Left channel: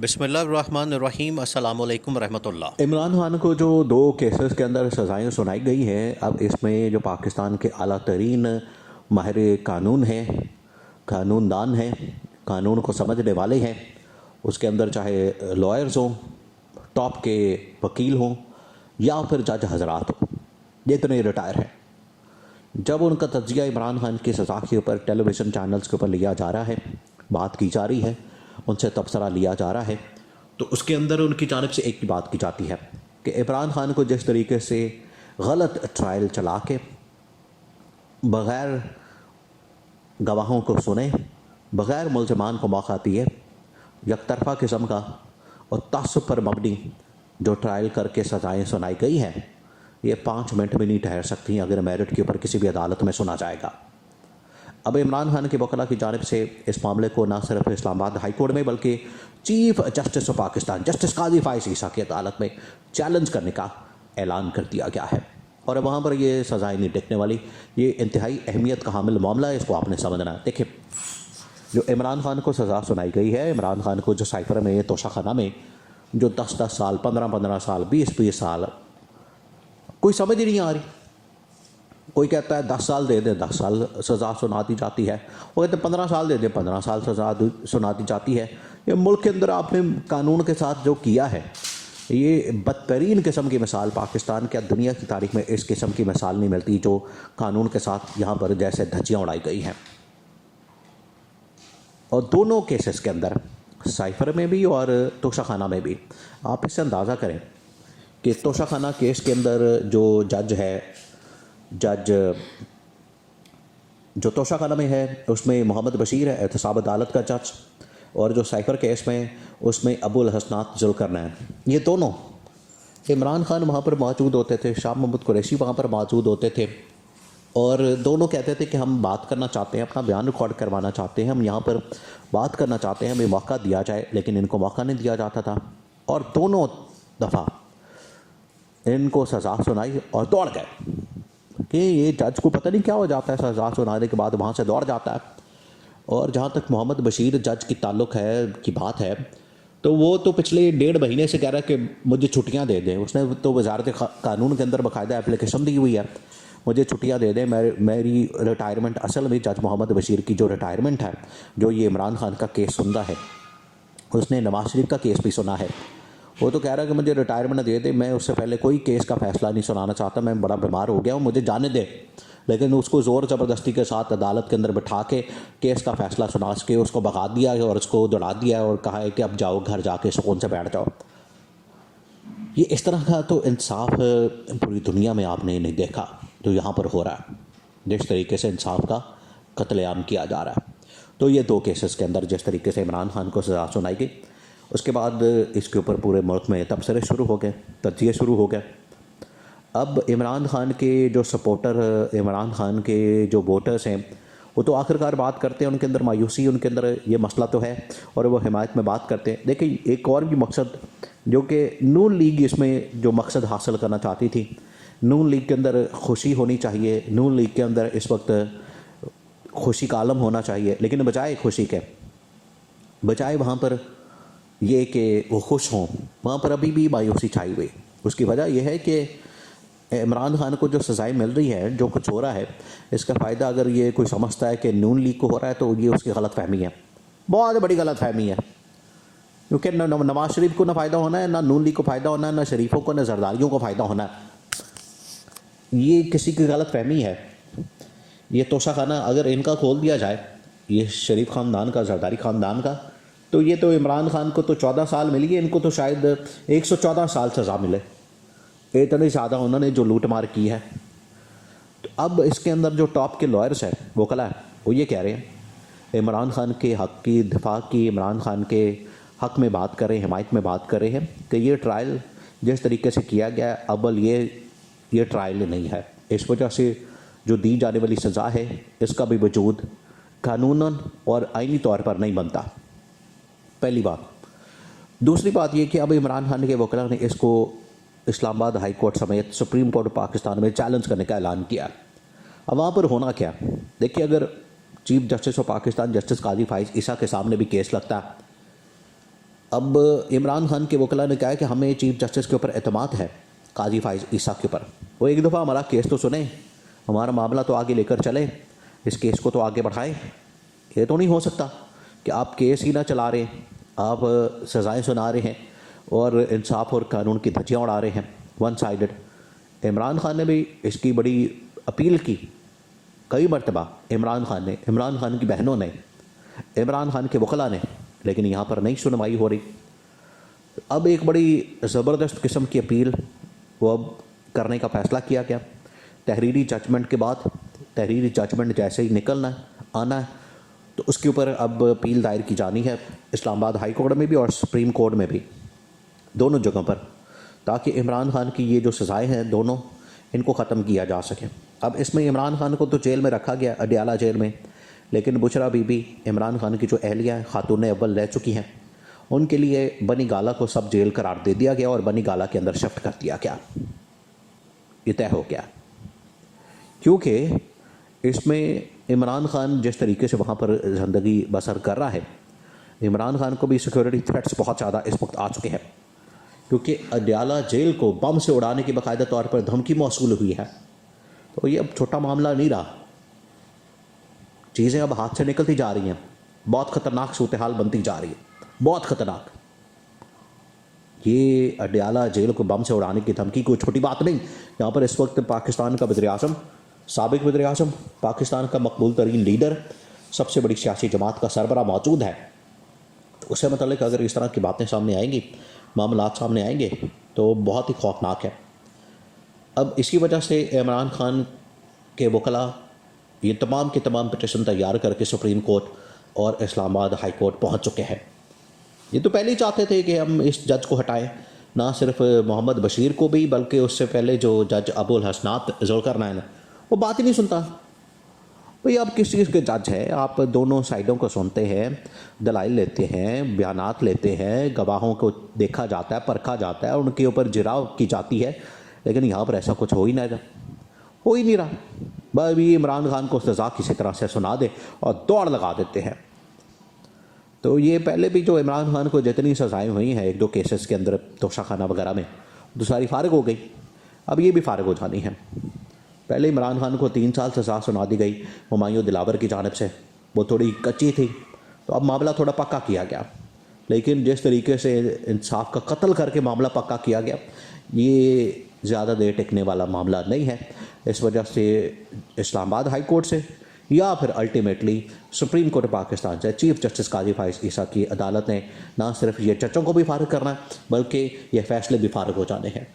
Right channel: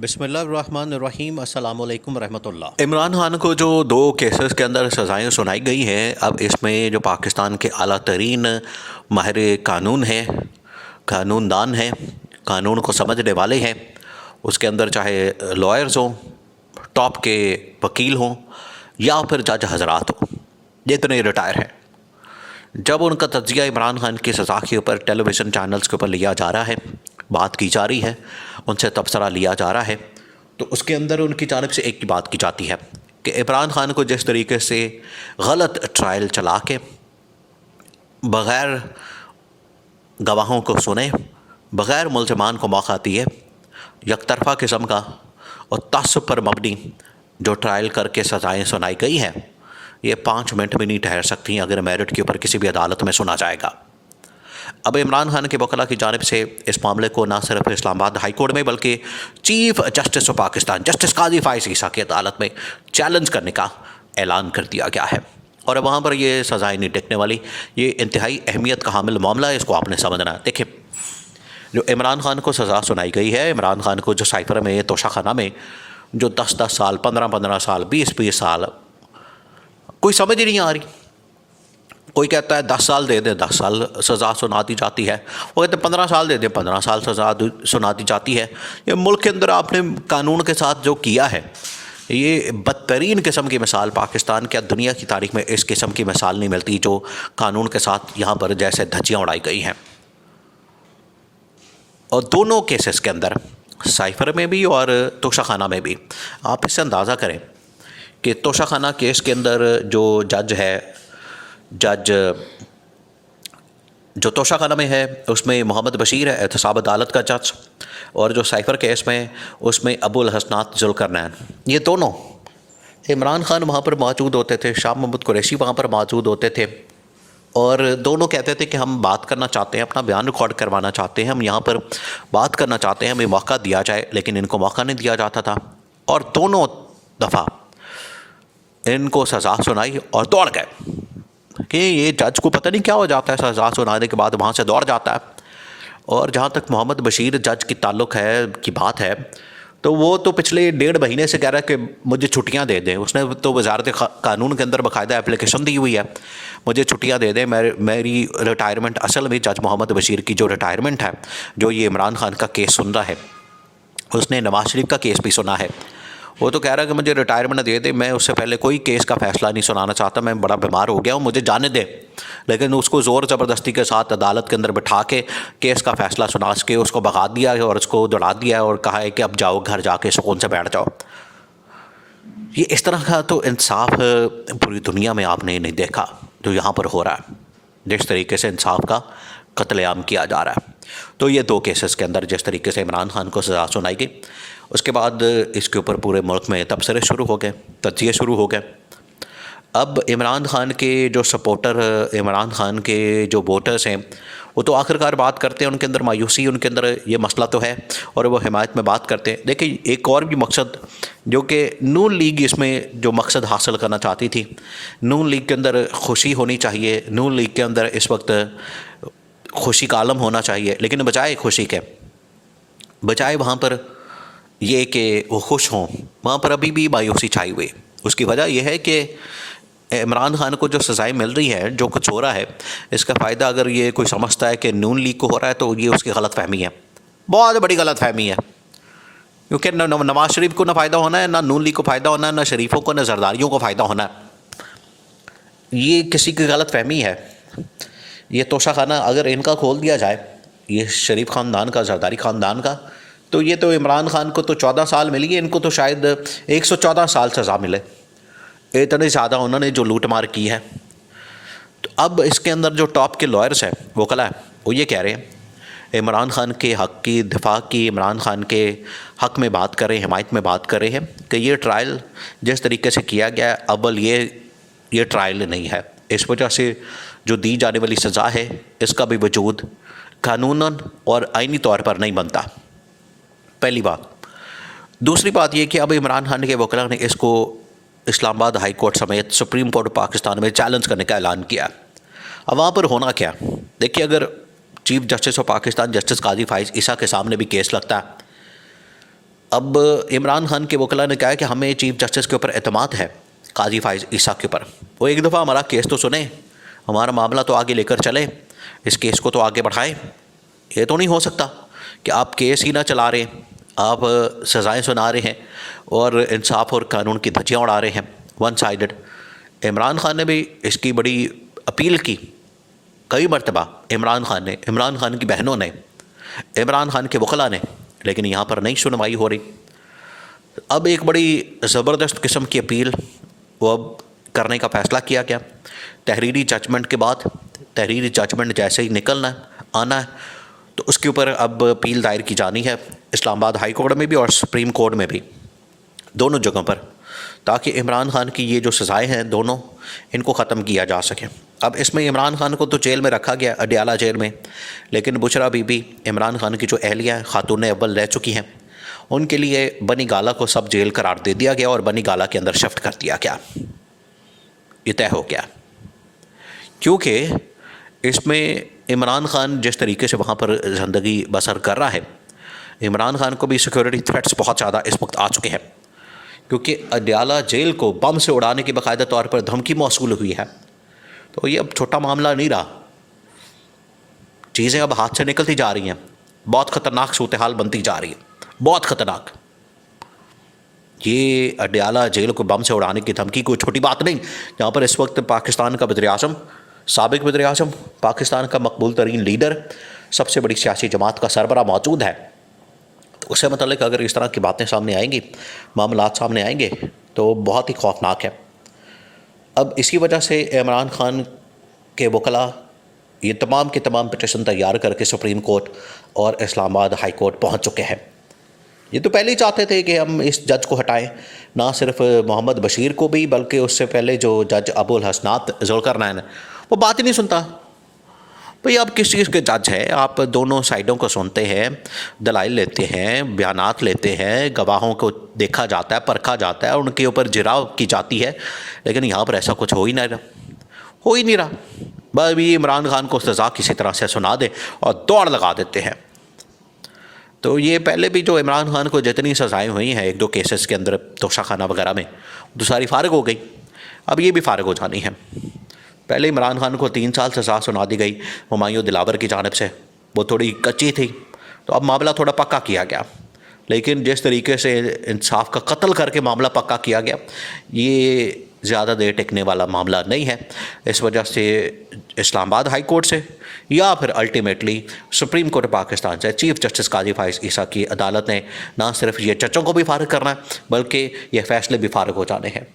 बिस्मिल्लाहिर्रहमानिर्रहीम अस्सलामु अलैकुम रहमतुल्लाह। इमरान खान को जो दो केसेस के अंदर सज़ाएं सुनाई गई हैं, अब इसमें जो पाकिस्तान के आला तरीन माहिर कानून हैं, कानूनदान हैं, कानून को समझने वाले हैं, उसके अंदर चाहे लॉयर्स हों, टॉप के वकील हों या फिर जज हजरात हों, जितने रिटायर हैं, जब उनका तज्जिया इमरान खान की सज़ा के ऊपर टेलीविज़न चैनल्स के ऊपर लिया जा रहा है, बात की जा रही है, उनसे तबसरा लिया जा रहा है, तो उसके अंदर उनकी जानिब से एक ही बात की जाती है कि इमरान खान को जिस तरीके से गलत ट्रायल चला के बग़ैर गवाहों को सुने, बग़ैर मुल्ज़मान को मौका दिए, यकतरफ़ा किस्म का और तअस्सुब पर मबनी जो ट्रायल करके सज़ाएँ सुनाई गई हैं, ये 5 मिनट भी नहीं ठहर सकती अगर मेरिट के ऊपर किसी भी अदालत में सुना जाएगा। अब इमरान खान के वकला की जानिब से इस मामले को ना सिर्फ इस्लामाबाद हाई कोर्ट में बल्कि chief justice of Pakistan justice Qazi Faez Isa की अदालत में चैलेंज करने का ऐलान कर दिया गया है और वहाँ पर ये सज़ाएँ नहीं टिकने वाली। ये इंतहाई अहमियत का हामिल मामला है, इसको आपने समझना है। देखिए, जो इमरान खान को सज़ा सुनाई गई है, इमरान खान को जो साइफर में तोशाखाना में जो 10-10 साल, 15-15 साल, 20-20 साल, कोई समझ ही नहीं आ रही। कोई कहता है 10 साल दे दे, 10 साल सज़ा सुना दी जाती है, वो कहते हैं 15 साल दे दे, 15 साल सज़ा सुना दी जाती है। ये मुल्क के अंदर आपने कानून के साथ जो किया है, ये बदतरीन किस्म की मिसाल पाकिस्तान क्या दुनिया की तारीख में इस किस्म की मिसाल नहीं मिलती जो कानून के साथ यहाँ पर जैसे धज्जियाँ उड़ाई गई हैं। और दोनों केसेस के अंदर, साइफर में भी और तोशाखाना में भी, आप इससे अंदाज़ा करें कि तोशाखाना केस के अंदर जो जज है, जो तोशाखाना में है उसमें मोहम्मद बशीर है, एहतसाब अदालत का जज, और जो साइफर केस में उसमें अबुल हसनात जुल्करनैन, ये दोनों इमरान खान वहाँ पर मौजूद होते थे, शाह महमूद कुरैशी वहाँ पर मौजूद होते थे और दोनों कहते थे कि हम बात करना चाहते हैं, अपना बयान रिकॉर्ड करवाना चाहते हैं, हम यहाँ पर बात करना चाहते हैं, हमें मौका दिया जाए, लेकिन इनको मौका नहीं दिया जाता था और दोनों दफ़ा इनको सज़ा सुनाई और दौड़ गए कि ये जज को पता नहीं क्या हो जाता है, सज़ा सुनाने के बाद वहाँ से दौड़ जाता है। और जहाँ तक मोहम्मद बशीर जज की ताल्लुक़ है की बात है, तो वो तो पिछले 1.5 महीने से कह रहा है कि मुझे छुट्टियाँ दे दें। उसने तो वजारत कानून के अंदर बाकायदा एप्लीकेशन दी हुई है, मुझे छुट्टियाँ दे दें, मेरी रिटायरमेंट, असल में जज मोहम्मद बशीर की जो रिटायरमेंट है, जो ये इमरान खान का केस सुन रहा है, उसने नवाज शरीफ का केस भी सुना है, वो तो कह रहा है कि मुझे रिटायरमेंट दे दे, मैं उससे पहले कोई केस का फ़ैसला नहीं सुनाना चाहता, मैं बड़ा बीमार हो गया हूँ, मुझे जाने दे। लेकिन उसको ज़ोर ज़बरदस्ती के साथ अदालत के अंदर बिठा के केस का फ़ैसला सुना के उसको भगा दिया है और उसको दौड़ा दिया है और कहा है कि अब जाओ घर जाके सुकून से बैठ जाओ। ये इस तरह का तो इंसाफ पूरी दुनिया में आपने नहीं देखा जो यहाँ पर हो रहा है, जिस तरीके से इंसाफ का कत्लेआम किया जा रहा है। तो ये 2 केसेस के अंदर जिस तरीके से इमरान खान को सज़ा सुनाई गई, उसके बाद इसके ऊपर पूरे मुल्क में तबसरे शुरू हो गए, तज्जिए शुरू हो गए। अब इमरान खान के जो सपोर्टर, इमरान खान के जो वोटर्स हैं, वो तो आखिरकार बात करते हैं, उनके अंदर मायूसी, उनके अंदर ये मसला तो है और वो हिमायत में बात करते हैं। देखिए, एक और भी मकसद जो कि नून लीग इसमें जो मकसद हासिल करना चाहती थी, नून लीग के अंदर खुशी होनी चाहिए, नून लीग के अंदर इस वक्त खुशी का आलम होना चाहिए, लेकिन बजाय खुशी के, बजाय वहाँ पर ये कि वो खुश हों, वहाँ पर अभी भी मायूसी छाई हुई। उसकी वजह यह है कि इमरान खान को जो सज़ाएँ मिल रही है, जो कुछ हो रहा है, इसका फ़ायदा अगर ये कोई समझता है कि नून लीग को हो रहा है तो ये उसकी गलत फहमी है, बहुत बड़ी गलत फहमी है। क्योंकि नवाज शरीफ को ना फ़ायदा होना है, ना नून लीग को फ़ायदा होना है, ना शरीफों को, ना जरदारियों को फ़ायदा होना है। ये किसी की गलत फहमी है। ये तोशाखाना अगर इनका खोल दिया जाए, ये शरीफ ख़ानदान का, जरदारी ख़ानदान का, तो ये तो इमरान खान को तो 14 साल मिली है, इनको तो शायद 114 साल सज़ा मिले, इतने ज़्यादा उन्होंने जो लूट मार की है। तो अब इसके अंदर जो टॉप के लॉयर्स हैं, वकला है, वो ये कह रहे हैं इमरान खान के हक़ की दिफा की, इमरान खान के हक़ में बात कर रहे हैं, हिमायत में बात कर रहे हैं कि ये ट्रायल जिस तरीके से किया गया, अव्वल ये ट्रायल नहीं है, इस वजह से जो दी जाने वाली सज़ा है इसका भी वजूद कानूनन और आइनी तौर पर नहीं बनता, पहली बात। दूसरी बात यह कि अब इमरान खान के वकला ने इसको इस्लामाबाद हाई कोर्ट समेत सुप्रीम कोर्ट पाकिस्तान में चैलेंज करने का ऐलान किया। अब वहाँ पर होना क्या, देखिए, अगर chief justice of Pakistan justice Qazi Faez Isa के सामने भी केस लगता है अब इमरान खान के वकला ने कहा कि हमें चीफ जस्टिस के ऊपर एतमाद है, काजी फाइज ईसा के ऊपर। वो एक दफ़ा हमारा केस तो सुने, हमारा मामला तो आगे लेकर चले, इस केस को तो आगे बढ़ाएं। ये तो नहीं हो सकता कि आप केस ही ना चला रहे, आप सज़ाएं सुना रहे हैं और इंसाफ और कानून की धज्जियाँ उड़ा रहे हैं, वन साइडेड। इमरान खान ने भी इसकी बड़ी अपील की कई मरतबा, इमरान खान की बहनों ने, इमरान खान के वकला ने, लेकिन यहाँ पर नहीं सुनवाई हो रही। अब एक बड़ी ज़बरदस्त किस्म की अपील वो अब करने का फ़ैसला किया गया तहरीरी जजमेंट के बाद। तहरीरी जजमेंट जैसे ही निकलना आना है तो उसके ऊपर अब अपील दायर की जानी है इस्लामाबाद हाई कोर्ट में भी और सुप्रीम कोर्ट में भी, दोनों जगहों पर, ताकि इमरान खान की ये जो सज़ाएँ हैं दोनों, इनको ख़त्म किया जा सके। अब इसमें इमरान खान को तो जेल में रखा गया, अडयाला जेल में, लेकिन बुशरा बीबी इमरान खान की जो अहलिया हैं, खातून अव्वल रह चुकी हैं, उनके लिए बनी गाला को सब जेल करार दे दिया गया और बनी गाला के अंदर शिफ्ट कर दिया गया। ये तय हो गया क्योंकि इसमें इमरान खान जिस तरीके से वहाँ पर ज़िंदगी बसर कर रहा है, इमरान खान को भी सिक्योरिटी थ्रेट्स बहुत ज़्यादा इस वक्त आ चुके हैं, क्योंकि अडयाला जेल को बम से उड़ाने की बाकायदा तौर पर धमकी मौसूल हुई है। तो ये अब छोटा मामला नहीं रहा, चीज़ें अब हाथ से निकलती जा रही हैं, बहुत ख़तरनाक सूरत हाल बनती जा रही है, बहुत ख़तरनाक। ये अडयाला जेल को बम से उड़ाने की धमकी कोई छोटी बात नहीं, जहाँ पर इस वक्त पाकिस्तान का वज़ीर-ए-आज़म, साबिक़ वज़ीर-ए-आज़म, पाकिस्तान का मकबूल तरीन लीडर, सबसे बड़ी सियासी जमात का सरबरा मौजूद है। तो उससे मतलब अगर इस तरह की बातें सामने आएंगी, मामलात सामने आएंगे, तो बहुत ही खौफनाक है। अब इसी वजह से इमरान खान के वकला ये तमाम के तमाम पिटीशन तैयार करके सुप्रीम कोर्ट और इस्लामाबाद हाई कोर्ट पहुँच चुके हैं। ये तो पहले ही चाहते थे कि हम इस जज को हटाएं, ना सिर्फ मोहम्मद बशीर को भी, बल्कि उससे पहले जो जज अबुल हसनात जुल्करनैन, वो बात ही नहीं सुनता। भाई आप किस चीज़ के जज हैं? आप दोनों साइडों को सुनते हैं, दलाइल लेते हैं, बयानात लेते हैं, गवाहों को देखा जाता है, परखा जाता है, उनके ऊपर जिराव की जाती है, लेकिन यहाँ पर ऐसा कुछ हो ही नहीं रहा। बस भी इमरान खान को सज़ा किसी तरह से सुना दे और दौड़ लगा देते हैं। तो ये पहले भी जो इमरान खान को जितनी सज़ाएँ हुई हैं एक दो केसेस के अंदर, तोशाखाना वगैरह में, तो सारी फ़ारिग हो गई, अब ये भी फ़ारिग हो जानी है। पहले इमरान खान को 3 साल सज़ा सुना दी गई हुमायूं दिलावर की जानिब से, वो थोड़ी कच्ची थी, तो अब मामला थोड़ा पक्का किया गया। लेकिन जिस तरीके से इंसाफ का कत्ल करके मामला पक्का किया गया, ये ज़्यादा देर टिकने वाला मामला नहीं है। इस वजह से इस्लामाबाद हाई कोर्ट से या फिर अल्टीमेटली सुप्रीम कोर्ट पाकिस्तान से चीफ जस्टिस काजी फाइज ईसा की अदालत ने ना सिर्फ ये जजों को भी फारिग करना है, बल्कि ये फ़ैसले भी फारिग हो जाने हैं।